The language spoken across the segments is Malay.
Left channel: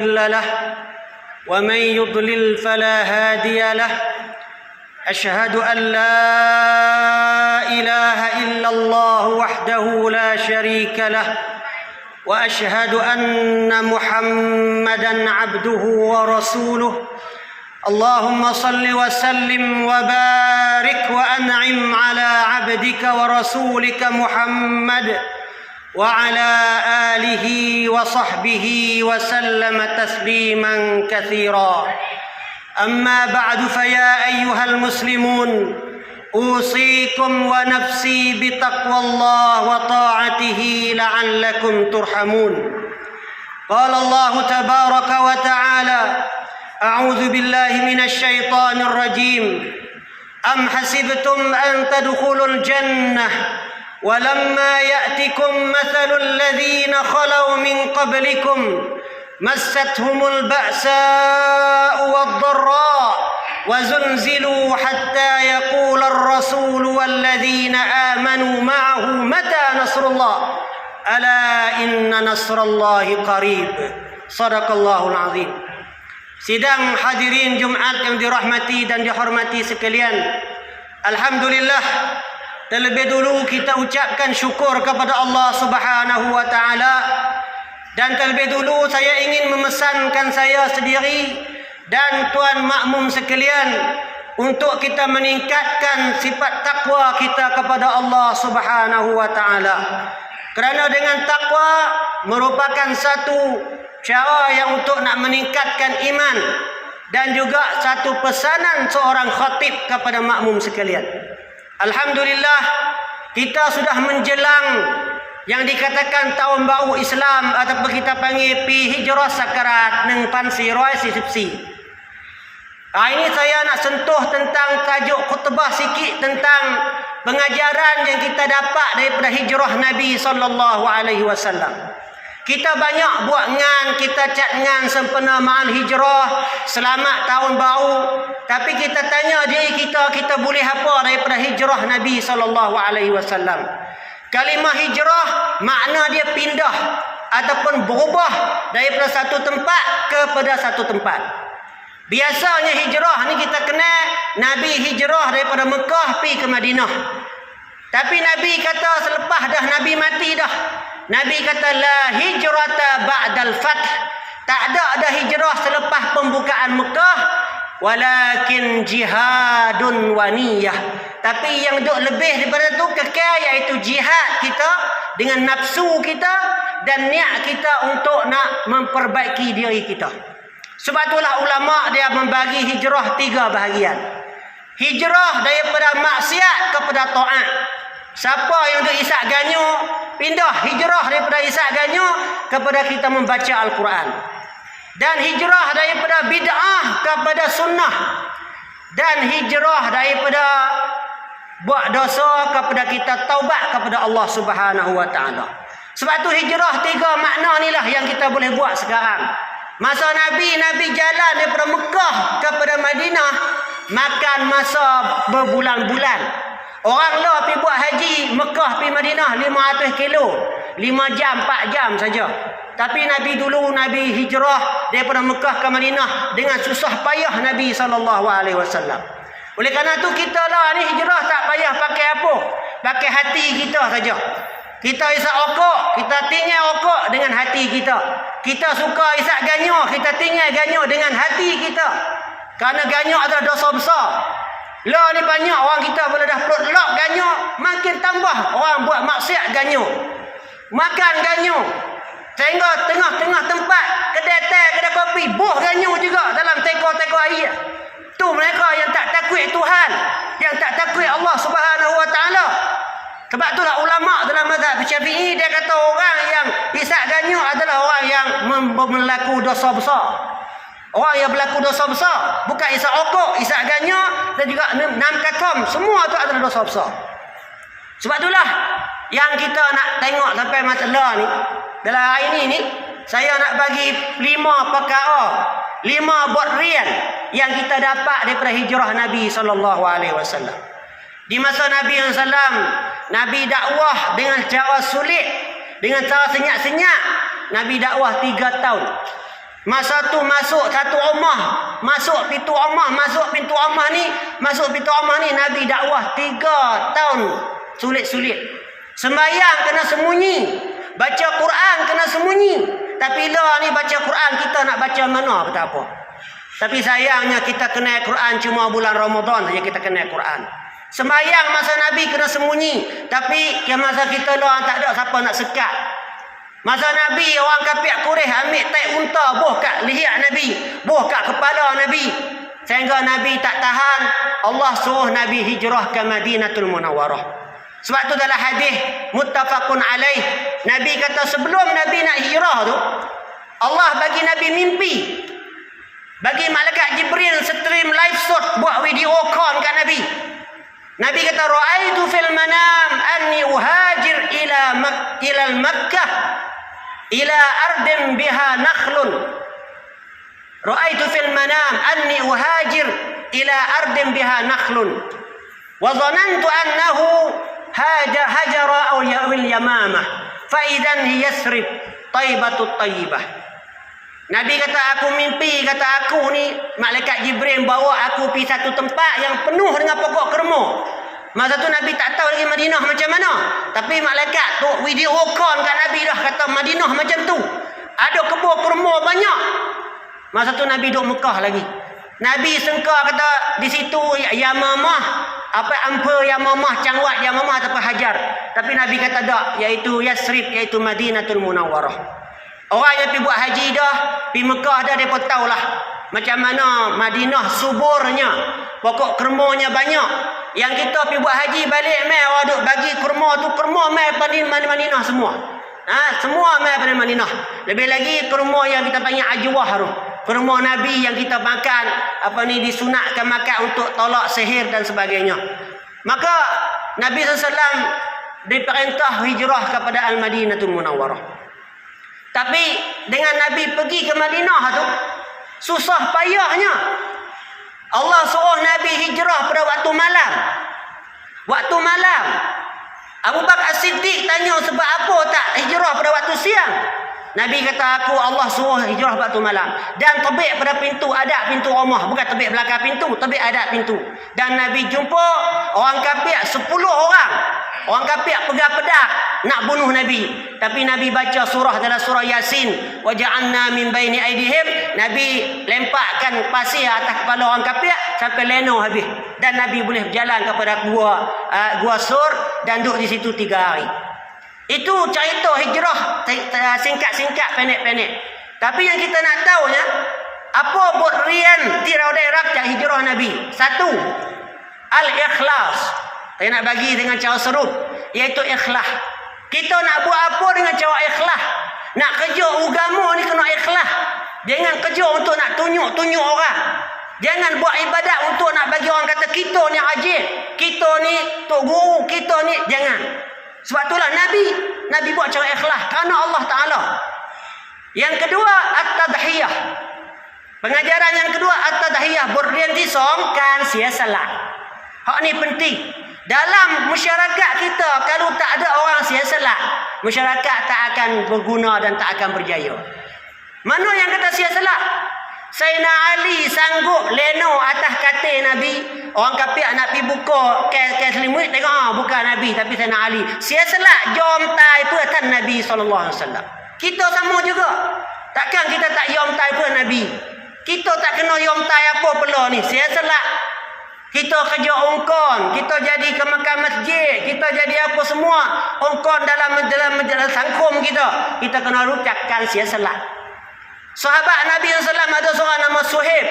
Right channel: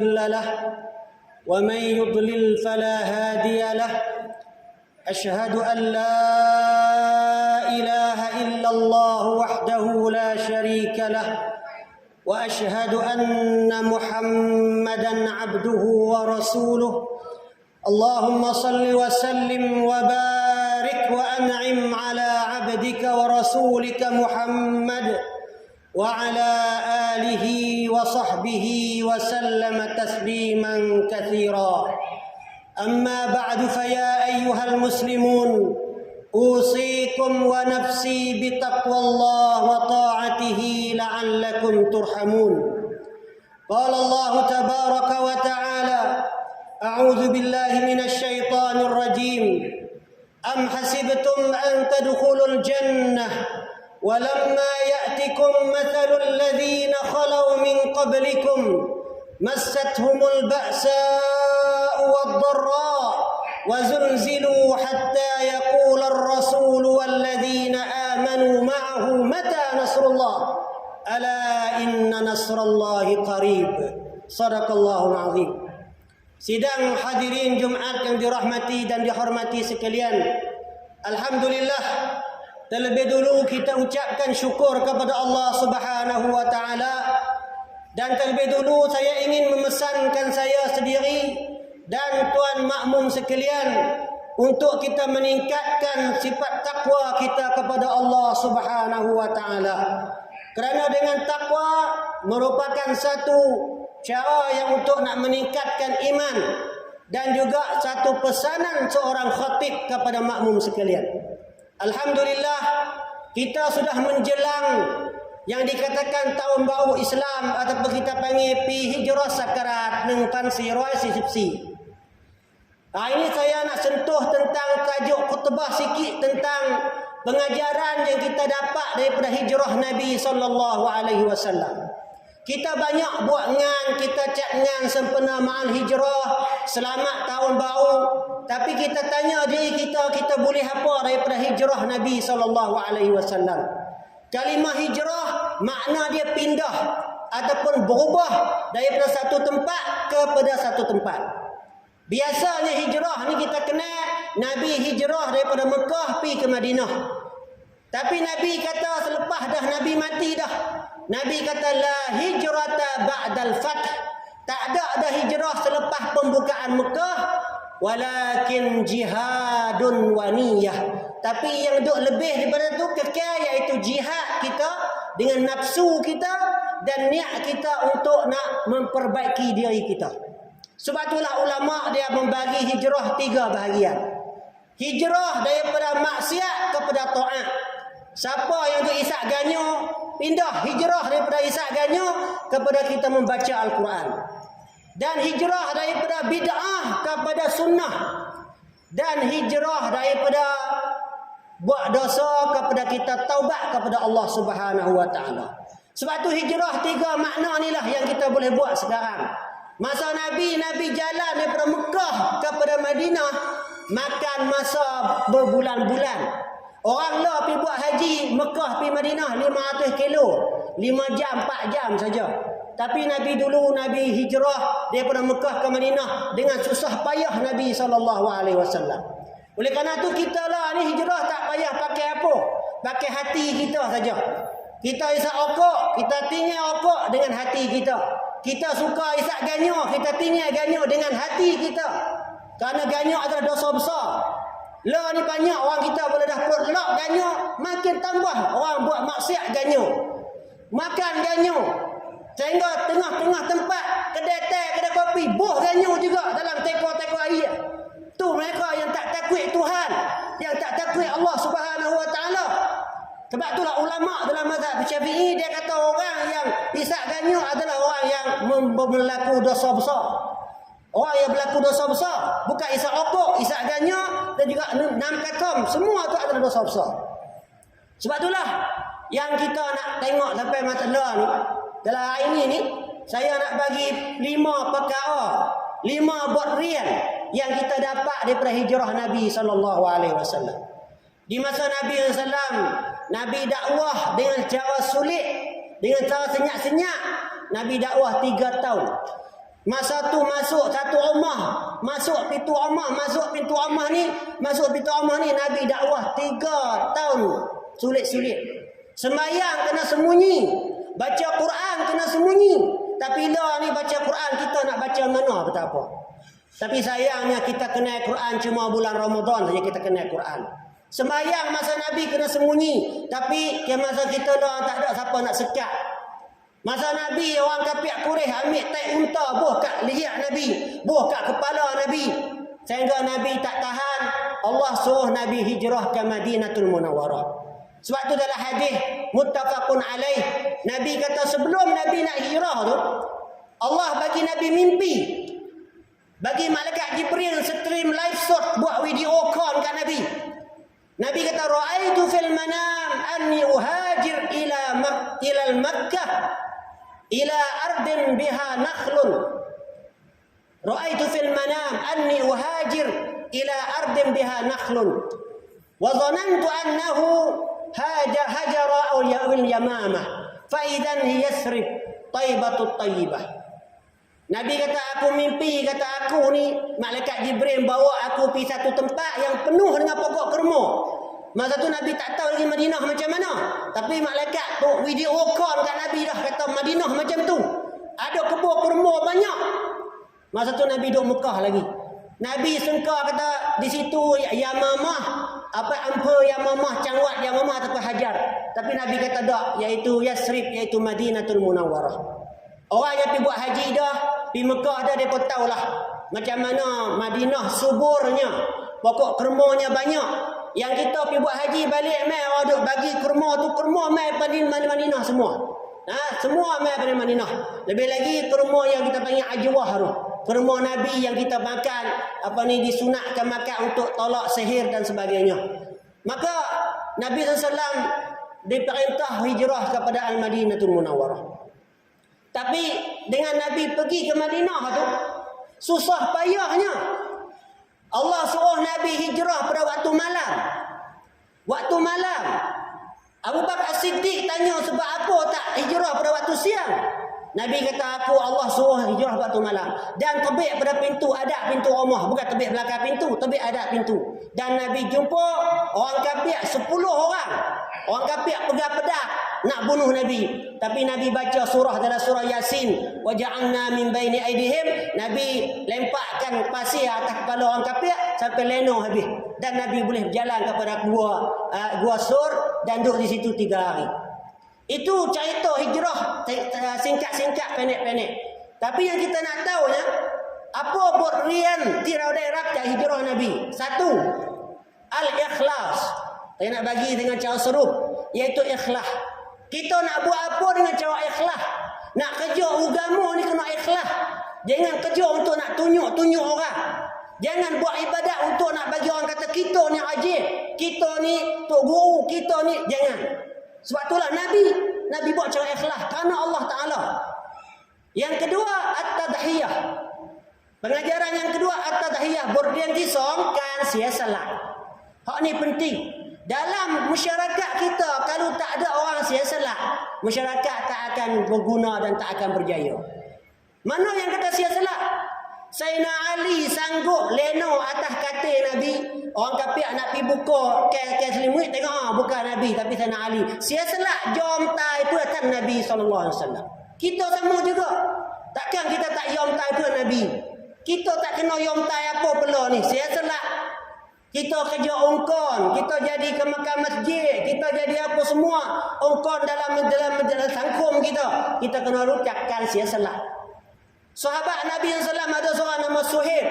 مضل له ومن يضلل فلا هادي له. أشهد أن لا إله إلا الله وحده لا شريك له وأشهد أن محمدا عبده ورسوله. اللهم صل وسلم وبارك وأنعم على عبدك ورسولك محمد وعلى آله وصحبه وسلم تسليما كثيرا. أما بعد، فيا أيها المسلمون، أوصيكم ونفسي بتقوى الله وطاعته لعلكم ترحمون. قال الله تبارك وتعالى: أعوذ بالله من الشيطان الرجيم. أم حسبتم أن تدخلوا الجنة ولما يأتكم مثل الذين خلوا من قبلكم مستهم البأساء والضراء وزلزلوا حتى يقول الرسول والذين آمنوا معه متى نصر الله ألا إن نصر الله قريب. صدق الله العظيم. Sidang hadirin Jumaat yang dirahmati dan dihormati sekalian, alhamdulillah, terlebih dulu kita ucapkan syukur kepada Allah Subhanahu wa taala, dan terlebih dulu saya ingin memesankan saya sendiri dan tuan makmum sekalian untuk kita meningkatkan sifat takwa kita kepada Allah Subhanahu wa taala. Kerana dengan takwa merupakan satu cara yang untuk nak meningkatkan iman dan juga satu pesanan seorang khatib kepada makmum sekalian. Alhamdulillah, kita sudah menjelang yang dikatakan tahun baru Islam ataupun kita panggil pi hijrah sakarat neng pansi roi sisipsi. Ini saya nak sentuh tentang tajuk khutbah sikit tentang pengajaran yang kita dapat daripada hijrah Nabi sallallahu alaihi wasallam. Kita banyak buat ngan, kita cat ngan sempena ma'al hijrah, selamat tahun baru. Tapi kita tanya diri kita, kita boleh apa daripada hijrah Nabi SAW? Kalimah hijrah, makna dia pindah ataupun berubah daripada satu tempat kepada satu tempat. Biasanya hijrah ni kita kenal, Nabi hijrah daripada Mekah pergi ke Madinah. Tapi Nabi kata selepas dah Nabi mati dah, Nabi kata la hijrata ba'dal fath. Tak ada hijrah selepas pembukaan Mekah, walakin jihadun wa niyah. Tapi yang duk lebih daripada tu kekal, iaitu jihad kita dengan nafsu kita dan niat kita untuk nak memperbaiki diri kita. Sebab itulah ulama dia membagi hijrah 3 bahagian. Hijrah daripada maksiat kepada taat. Siapa yang duk isak ganyo, pindah hijrah daripada isak ganyo kepada kita membaca Al-Quran. Dan hijrah daripada bid'ah kepada sunnah. Dan hijrah daripada buat dosa kepada kita taubat kepada Allah Subhanahu wa taala. Sebab tu hijrah 3 makna inilah yang kita boleh buat sekarang. Masa Nabi jalan daripada Mekah kepada Madinah, makan masa berbulan-bulan. Orang lah pergi buat haji Mekah pergi Madinah 500 kilo, 5 jam 4 jam saja. Tapi Nabi hijrah daripada Mekah ke Madinah dengan susah payah Nabi SAW. Oleh kerana tu kita lah ni hijrah tak payah pakai apa, pakai hati kita saja. Kita isap okok, kita tinggal okok dengan hati kita. Kita suka isap ganyo, kita tinggal ganyo dengan hati kita. Kerana ganyo adalah dosa besar. Lah ni banyak orang kita bila dah perut lock ganyo, makin tambah orang buat maksiat ganyo. Makan ganyo. Sehingga tengah-tengah tempat kedai teh, kedai kopi, buh ganyo juga dalam teko-teko air. Tu mereka yang tak takut Tuhan, yang tak takut Allah Subhanahu wa taala. Sebab itulah ulama dalam mazhab Syafi'i dia kata orang yang isap ganyo adalah orang yang melaku dosa besar. Orang yang berlaku dosa besar, bukan isap okok, isap ganyo dan juga nam katom, semua tu adalah dosa besar. Sebab itulah yang kita nak tengok sampai masalah ni. Dalam hari ni saya nak bagi 5 perkara, 5 bodrian yang kita dapat daripada hijrah Nabi SAW. Di masa Nabi SAW, Nabi dakwah dengan cara sulit, dengan cara senyap-senyap. Nabi dakwah 3 tahun. Masa tu masuk satu rumah, masuk pintu rumah ni Nabi dakwah 3 tahun sulit-sulit. Sembahyang kena sembunyi, baca Quran kena sembunyi. Tapi lah ni baca Quran kita nak baca mana kata apa. Tapi sayangnya kita kena Quran cuma bulan Ramadan saja kita kena Quran. Sembahyang masa Nabi kena sembunyi, tapi masa kita lah tak ada siapa nak sekat. Masa Nabi orang kafir Quraisy ambil tai unta buah kat leher Nabi, buah kat kepala Nabi. Sehingga Nabi tak tahan, Allah suruh Nabi hijrah ke Madinatul Munawwarah. Sebab tu dalam hadis muttafaqun alaih, Nabi kata sebelum Nabi nak hijrah tu, Allah bagi Nabi mimpi. Bagi malaikat Jibril stream live shot buat video call kat Nabi. Nabi kata ra'aitu fil manam anni uhajir ila Makkah ila ardin biha nakhlun. Ra'aitu fil manam anni uhajir ila ardin biha nakhlun. Wa dhanantu annahu hajara aw yamamah fa idan hiya Yasrib Taibatut Tayyibah. Nabi kata aku mimpi, kata aku ni malaikat Jibril bawa aku pergi satu tempat yang penuh dengan pokok kurma. Masa tu Nabi tak tahu lagi Madinah macam mana. Tapi malaikat tu video call kat Nabi dah kata Madinah macam tu. Ada kebun kurma banyak. Masa tu Nabi duduk Mekah lagi. Nabi sangka kata di situ Yamamah, apa ampa Yamamah, Cangwat Yamamah ataupun Hajar. Tapi Nabi kata tak, iaitu Yasrib, iaitu Madinatul Munawwarah. Orang yang pergi buat haji dah, pergi Mekah dah, mereka tahulah macam mana Madinah suburnya, pokok kurmanya banyak. Yang kita pergi buat haji balik mai orang duk bagi kurma tu, kurma mai Madinah semua. Semua mai pada Madinah. Lebih lagi kurma yang kita panggil ajwah tu. Kurma Nabi yang kita makan, disunatkan makan untuk tolak sihir dan sebagainya. Maka Nabi SAW diperintah hijrah kepada Al-Madinatul Munawwarah. Tapi dengan Nabi pergi ke Madinah tu, susah payahnya. Allah suruh Nabi hijrah pada waktu malam. Waktu malam. Abu Bakar As-Siddiq tanya sebab apa tak hijrah pada waktu siang. Nabi kata aku Allah suruh hijrah waktu malam. Dan tebik pada pintu, ada pintu rumah. Bukan tebik belakang pintu, tebik ada pintu. Dan Nabi jumpa orang kafir 10 orang. Orang kafir pegang pedang nak bunuh Nabi. Tapi Nabi baca surah dalam surah Yasin. Wa ja'alna min baini aidihim. Nabi lemparkan pasir atas kepala orang kafir sampai leno habis. Dan Nabi boleh berjalan kepada gua Sur dan duduk di situ 3 hari. Itu cerita hijrah singkat-singkat, pendek-pendek. Tapi yang kita nak tahunya, apa burian tirau daerah hijrah Nabi? 1. Al-ikhlas. Saya nak bagi dengan cara serup, iaitu ikhlas. Kita nak buat apa dengan cara ikhlas? Nak kerja agama ni kena ikhlas. Jangan kerja untuk nak tunjuk-tunjuk orang. Jangan buat ibadat untuk nak bagi orang kata kita ni rajin, kita ni tok guru, kita ni, jangan. Sebab itulah Nabi buat cara ikhlas kerana Allah Ta'ala. Yang kedua, at-tadhiyah. Pengajaran yang kedua, at-tadhiyah. Berintisam kan siasalah. Hak ni penting. Dalam masyarakat kita, kalau tak ada orang siasalah, masyarakat tak akan berguna dan tak akan berjaya. Mana yang kata siasalah? Sayyidina Ali sanggup leno atas katil Nabi. Orang kafir nak pergi buka kes selimut, tengok bukan Nabi tapi Sayyidina Ali. Siasalah jom tai puatan Nabi SAW. Kita sama juga. Takkan kita tak yom tai puatan Nabi. Kita tak kena yom tai apa pula ni. Siasalah. Kita kerja ongkon, kita jadi ke makan masjid, kita jadi apa semua ongkon dalam sangkum kita. Kita kena rucakkan siasalah. Sahabat Nabi SAW ada seorang nama Suhaib.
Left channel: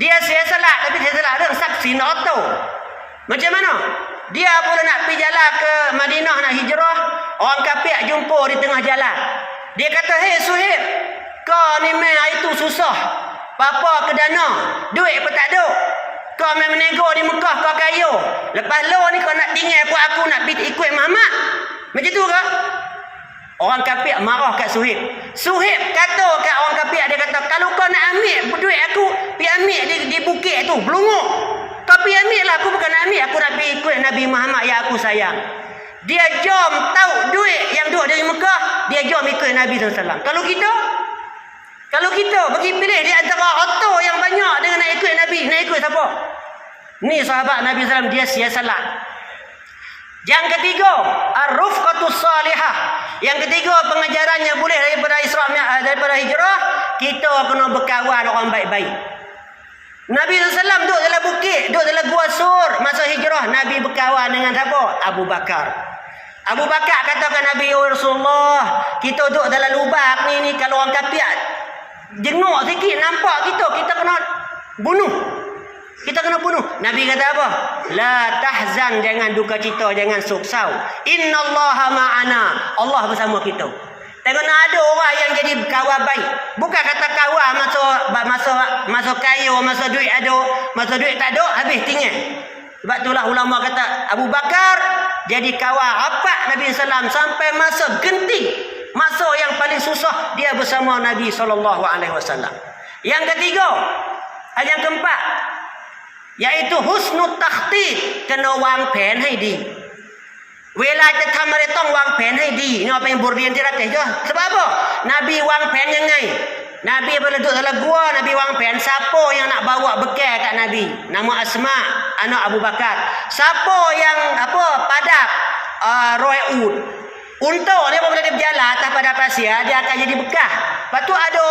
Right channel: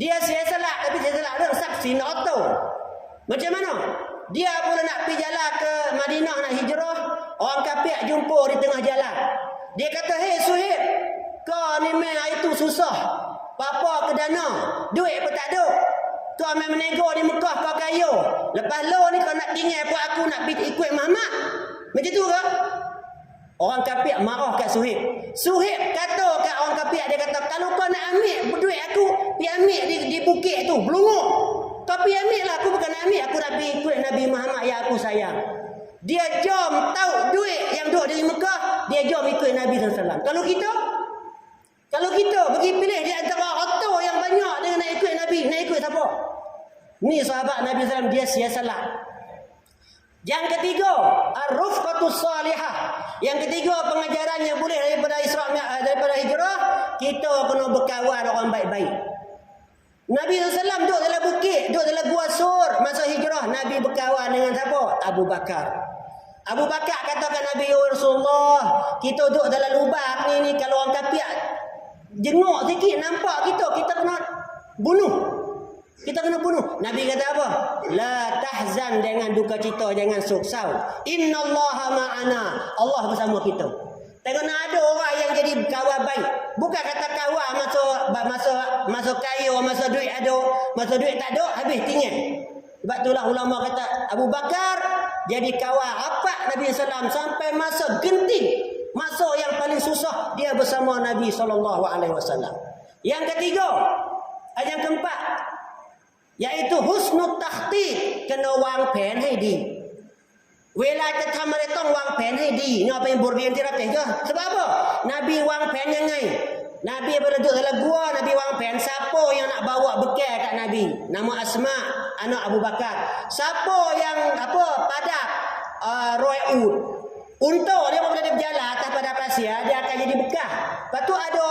Dia siasalah, tapi siasalah ada saksi nak tahu. Macam mana? Dia pula nak pergi jalan ke Madinah nak hijrah, orang kafir jumpa di tengah jalan. Dia kata, "Hei Suhaib, kau ni mai itu susah. Apa ke dana? Duit pun tak ada. Kau main menego di Mekah, kau kaya. Lepas lo ni kau nak tinggal buat aku nak pergi ikut Muhammad." Macam tu ke? Orang kafir marah kat Suhaib. Suhaib kata kat orang kafir, dia kata, "Kalau kau nak ambil duit aku, pergi ambil di bukit tu, Belunguk. Kau pergi ambil lah, aku bukan nak ambil, aku nak pergi ikut Nabi Muhammad yang aku sayang." Dia jom tahu duit yang duduk dari Mekah, dia jom ikut Nabi SAW. Kalau Kalau kita bagi pilih di antara harta yang banyak dengan nak ikut Nabi, nak ikut siapa? Ni sahabat Nabi SAW, dia siasalah. Yang ketiga, ar-rufqatus salihah. Yang ketiga, pengajarannya boleh daripada hijrah, kita kena berkawan orang baik-baik. Nabi SAW duduk dalam bukit, duduk dalam gua Sur masa hijrah. Nabi berkawan dengan siapa? Abu Bakar. Abu Bakar katakan Nabi, ya Rasulullah, kita duduk dalam lubang ni kalau orang kafir jenguk sikit nampak kita kena bunuh. Kita kena bunuh. Nabi kata apa? La tahzan, jangan duka cita, jangan soksau. Innallaha ma'ana. Allah bersama kita. Tengok ada orang yang jadi kawan baik. Bukan kata kawan masa kaya, masa duit ada, masa duit tak ada, habis tinggal. Sebab itulah ulama kata Abu Bakar jadi kawan rapat Nabi SAW sampai masa genting, masa yang paling susah dia bersama Nabi SAW. Yang ketiga, yang keempat, iaitu husnul takhtit, kena wang penให้ดี เวลาจะทำอะไรต้องวางแผนให้ดีนี่เป็นบทเรียนที่เราเห็นจ้ะ sebab apa Nabi wang pen ยังไง Nabi bila duduk dalam gua, Nabi wang pen siapa yang nak bawa bekal kat Nabi. Nama Asma, anak Abu Bakar. Siapa yang padap roi'ud. Unta dia apabila dia berjalan atas padang pasir, dia akan jadi bekah. Lepas tu ada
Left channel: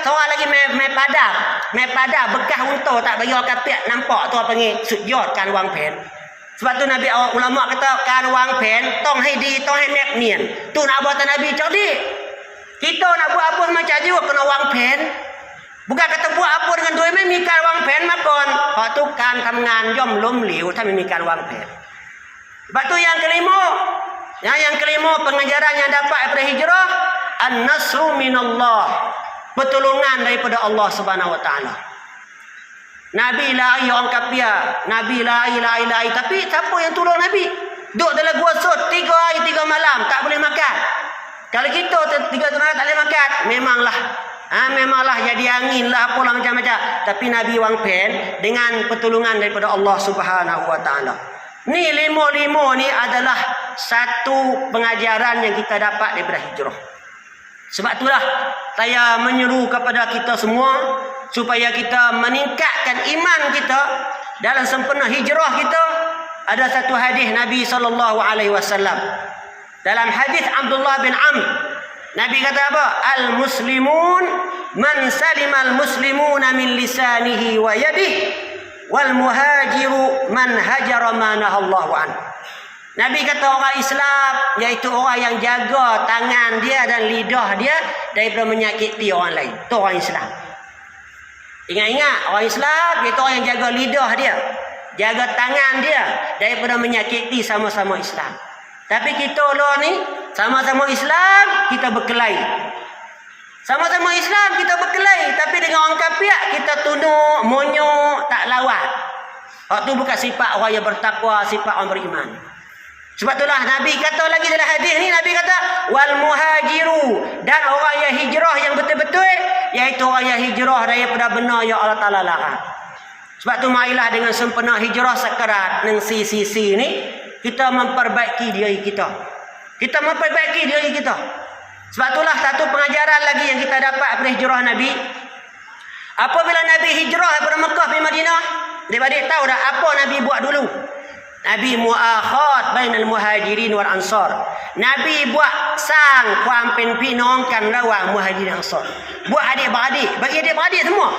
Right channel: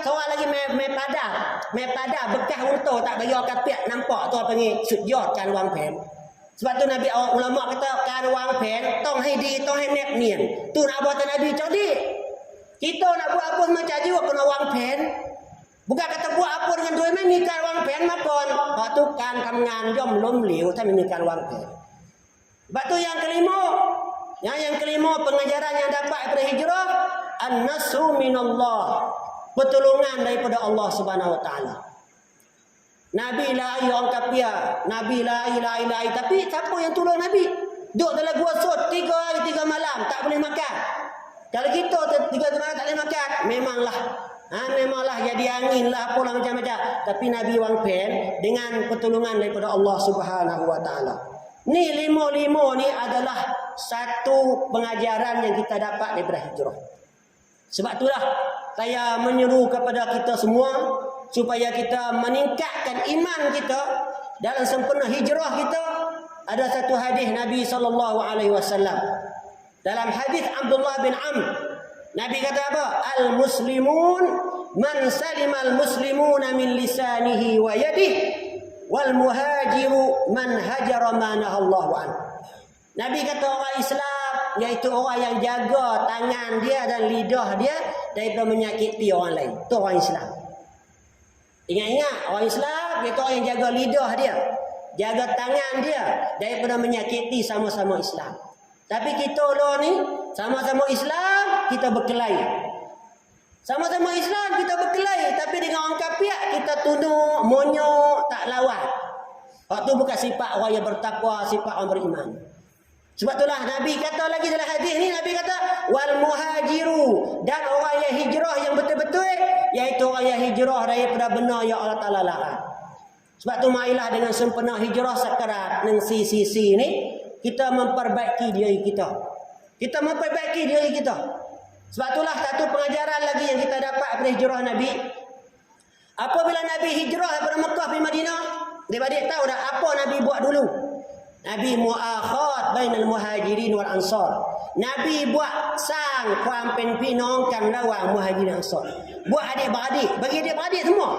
seorang lagi mai padap bekah unta, tak bagi orang kafir nampak, tu apa panggil sujud kan wang pen. Sebab tu Nabi ulama kata kan wang pen tong hai di, tong hai nek nien. Tu nak buat Nabi cerdik. Kita nak buat apa macam juga kena wang pen. Bukan kata buat apa dengan duit mai mi kan wang pen makon. Lepas tu kan ทำงานย่อมล้มเหลวถ้าไม่มีการวางแผน. Sebab tu yang kelima pengajaran yang dapat daripada hijrah, an-nasru minallah, pertolongan daripada Allah Subhanahu wa taala. Nabi lari orang kafir, Nabi lari, tapi siapa yang tolong Nabi? Duduk dalam gua Sur 3 hari 3 malam tak boleh makan. Kalau kita 3 malam tak boleh makan, memanglah jadi angin lah apalah macam-macam. Tapi Nabi wang pen dengan pertolongan daripada Allah Subhanahu wa taala. Ni lima ni adalah satu pengajaran yang kita dapat daripada hijrah. Sebab itulah saya menyeru kepada kita semua supaya kita meningkatkan iman kita dalam sempena hijrah kita. Ada satu hadis Nabi SAW. Dalam hadis Abdullah bin Amr, Nabi kata apa? Al-muslimun man salimal muslimuna min lisanihi wa yadihi wal muhajiru man hajara ma nahallahu an. Nabi kata orang Islam iaitu orang yang jaga tangan dia dan lidah dia daripada menyakiti orang lain. Itu orang Islam. Ingat-ingat, orang Islam iaitu orang yang jaga lidah dia, jaga tangan dia daripada menyakiti sama-sama Islam. Tapi kita lo ni sama-sama Islam kita berkelahi. Sama-sama Islam kita berkelahi, tapi dengan orang kafir kita tunduk, monyok, tak lawan. Itu bukan sifat orang yang bertakwa, sifat orang beriman. Sebab itulah Nabi kata lagi dalam hadis ni, Nabi kata wal muhajiru, dan orang yang hijrah yang betul-betul, iaitu orang yang hijrah daripada benar yang Allah Taala larang. Sebab tu marilah dengan sempena hijrah sekarat nang sisi ni kita memperbaiki diri kita. Kita memperbaiki diri kita. Sebab itulah satu pengajaran lagi yang kita dapat daripada hijrah Nabi. Apabila Nabi hijrah daripada Mekah pergi Madinah, dia tahu dah apa Nabi buat dulu. Nabi muakhat bainal muhajirin wal ansar. Nabi buat sang kuam pen pinongkan lawang muhajirin ansar. Buat adik-beradik, bagi adik-beradik semua.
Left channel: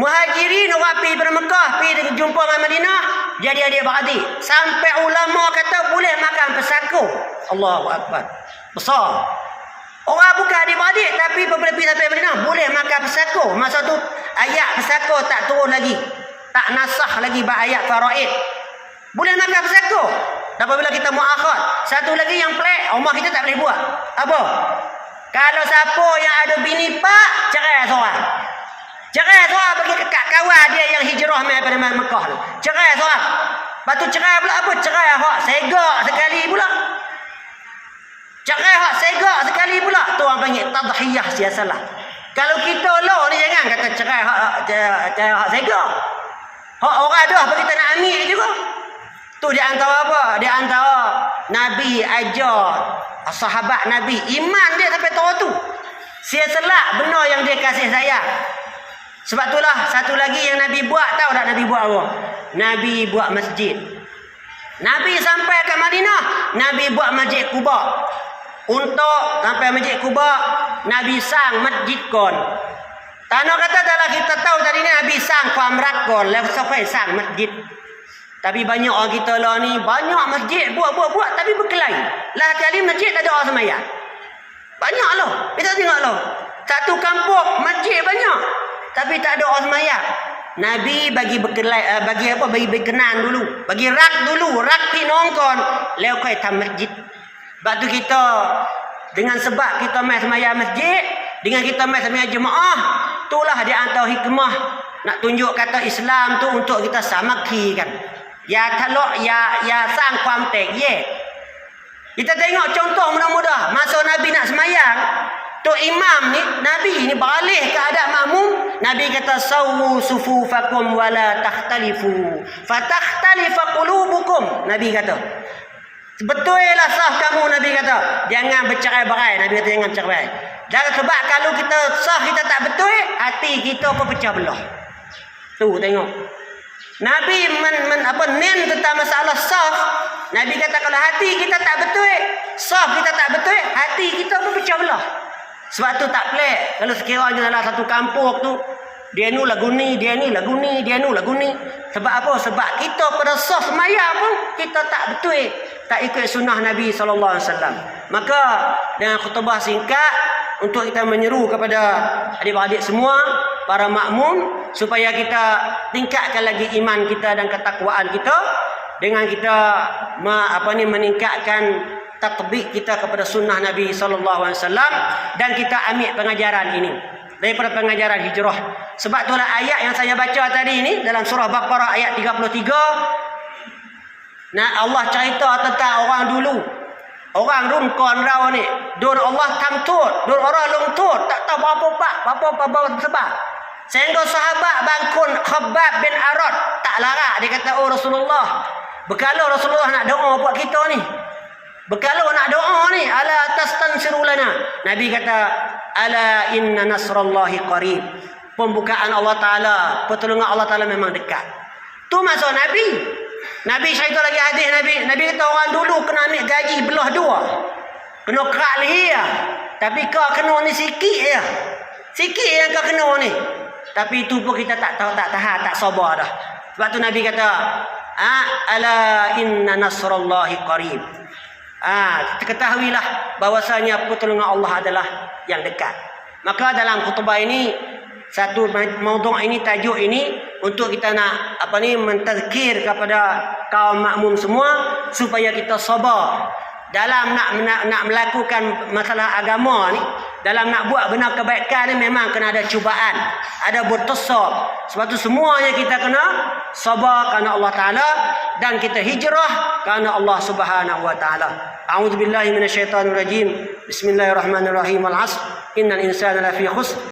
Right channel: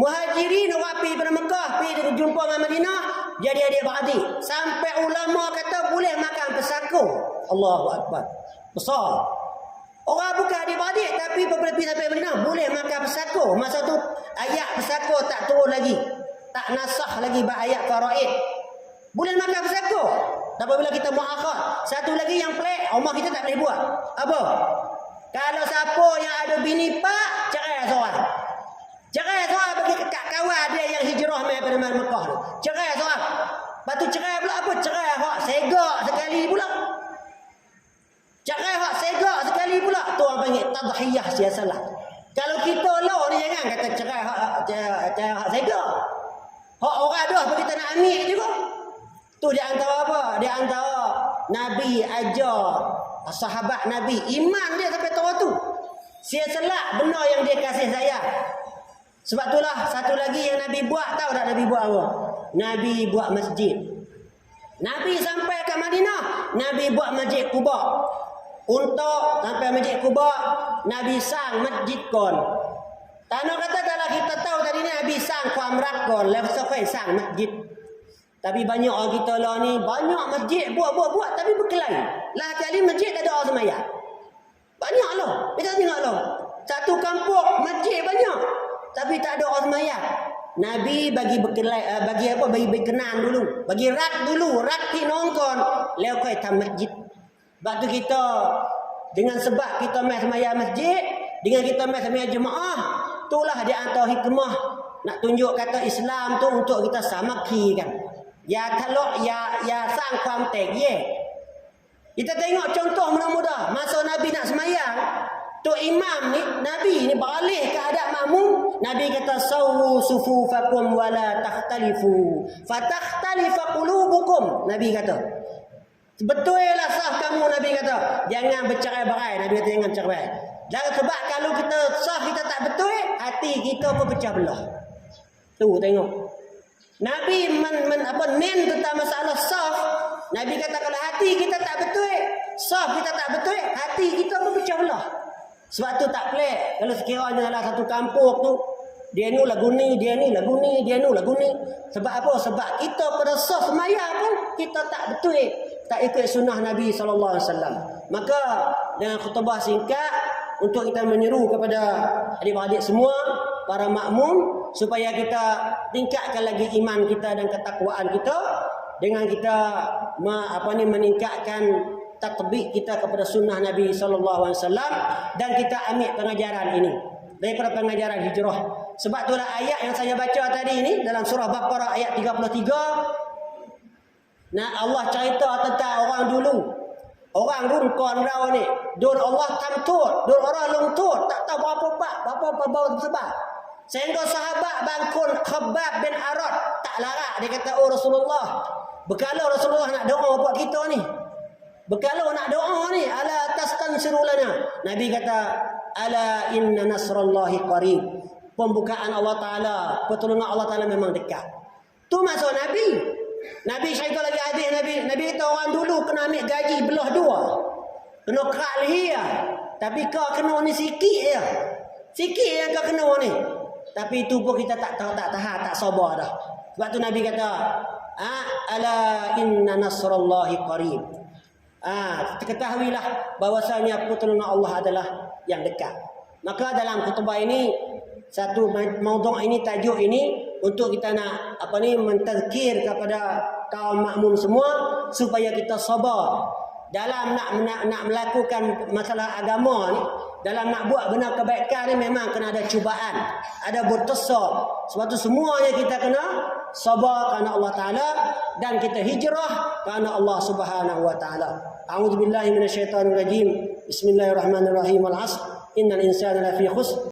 Muhajirin orang pergi daripada Mekah, pergi jumpa dengan Madinah, jadi adik-beradik. Sampai ulama kata boleh makan pesako. Allahu Akbar. Besar. Orang bukan adik-beradik, tapi apabila pergi sampai Madinah boleh makan pesako. Masa tu ayat pesako tak turun lagi, tak nasah lagi ayat faraid. Boleh makan pesako. Dan apabila kita muakhad, satu lagi yang pelik, rumah kita tak boleh buat. Apa? Kalau siapa yang ada bini pak, cerai seorang. Cerai seorang bagi kat kawan dia yang hijrah daripada Mekah tu. Cerai seorang. Lepas tu cerai pula apa? Cerai hak segak sekali pula. Cerai hak segak sekali pula. Tu orang panggil tadhiyah siasalah. Kalau kita lo ni jangan kata cerai hak segak. Hak orang dah bagi kita nak ambil juga. Tu di antara apa? Di antara Nabi ajar sahabat Nabi, iman dia sampai tahu tu. Saya selak benar yang dia kasih saya. Sebab itulah satu lagi yang Nabi buat, tahu tak Nabi buat apa? Nabi buat masjid. Nabi sampai ke Madinah, Nabi buat masjid Quba. Untuk sampai masjid Quba, Nabi sang masjid kon. Tanah kata dalam kita tahu tadi ni Nabi sang kuamrat kon, lepas sampai sang masjid. Tapi banyak orang kita lah ni, banyak masjid buat tapi berkelahi. Lah kali masjid tak ada orang sembahyang. Banyak lah. Kita tengok lah. Satu kampung masjid banyak, tapi tak ada orang sembahyang. Nabi bagi berkelahi, bagi berkenan dulu, bagi rak dulu, rak pi nongkon, leo kai tam masjid. Sebab tu kita dengan sebab kita mai sembahyang masjid, dengan kita mai sembahyang jemaah, itulah di antara hikmah nak tunjuk kata Islam tu untuk kita samaki kan. Ya talok ya sang kuam tek ye. Kita tengok contoh mudah-mudah masa Nabi nak sembahyang, tu imam ni Nabi ni beralih ke hadap makmum, Nabi kata sawu sufufakum wala takhtalifu fatakhtalifa qulubukum. Nabi kata betullah sah kamu, Nabi kata jangan bercerai-berai. Nabi kata jangan bercerai-berai. Dan sebab kalau kita sah kita tak betul, hati kita pun pecah belah. Tu tengok. Nabi nen tentang masalah sah. Nabi kata kalau hati kita tak betul, sah kita tak betul, hati kita pun pecah belah. Sebab tu tak pelik kalau sekiranya dalam satu kampung tu dia ni lagu ni, dia ni lagu ni, dia ni lagu ni. Sebab apa? Sebab kita pada sah semaya pun kita tak betul, tak ikut sunnah Nabi SAW. Maka dengan khutbah singkat untuk kita menyeru kepada adik-adik semua, para makmum, supaya kita tingkatkan lagi iman kita dan ketakwaan kita dengan kita meningkatkan tatbik kita kepada sunnah Nabi SAW, dan kita ambil pengajaran ini daripada pengajaran hijrah. Sebab itulah ayat yang saya baca tadi ini dalam surah Baqarah ayat 33. Nah, Allah cerita tentang orang dulu, orang rungkon rau ni, dur Allah tamtut, dur orang lungtut, tak tahu apa sebab. Sehingga sahabat bangkun Khabbab bin Arad tak larat, dia kata, oh Rasulullah, berkala Rasulullah nak doa buat kita ni, berkala nak doa ni, ala tastansiru lana. Nabi kata, ala inna nasrallahi qarib. Pembukaan Allah Ta'ala, pertolongan Allah Ta'ala memang dekat. Tu maksud Nabi. Nabi cerita lagi hadis Nabi kata orang dulu kena ambil gaji belah dua. Kena kerak leher. Tapi kau kena ni sikit je. Sikit yang kau kena ni. Tapi itu pun kita tak tahan, tak sabar dah. Sebab tu Nabi kata, ala inna nasrallahi qarib. Ketahuilah bahwasanya pertolongan Allah adalah yang dekat. Maka dalam khutbah ini, satu maudhu' ini, tajuk ini, untuk kita nak mentazkir kepada kaum makmum semua supaya kita sabar dalam nak melakukan masalah agama ni, dalam nak buat benar kebaikan ni memang kena ada cubaan, ada bertasab. Sebab tu semuanya kita kena sabar kerana Allah Taala dan kita hijrah kerana Allah Subhanahu wa taala. A'udzubillahi minasyaitonir rajim. Bismillahirrahmanirrahim. Al-'asr. Innal insana lafi khusr.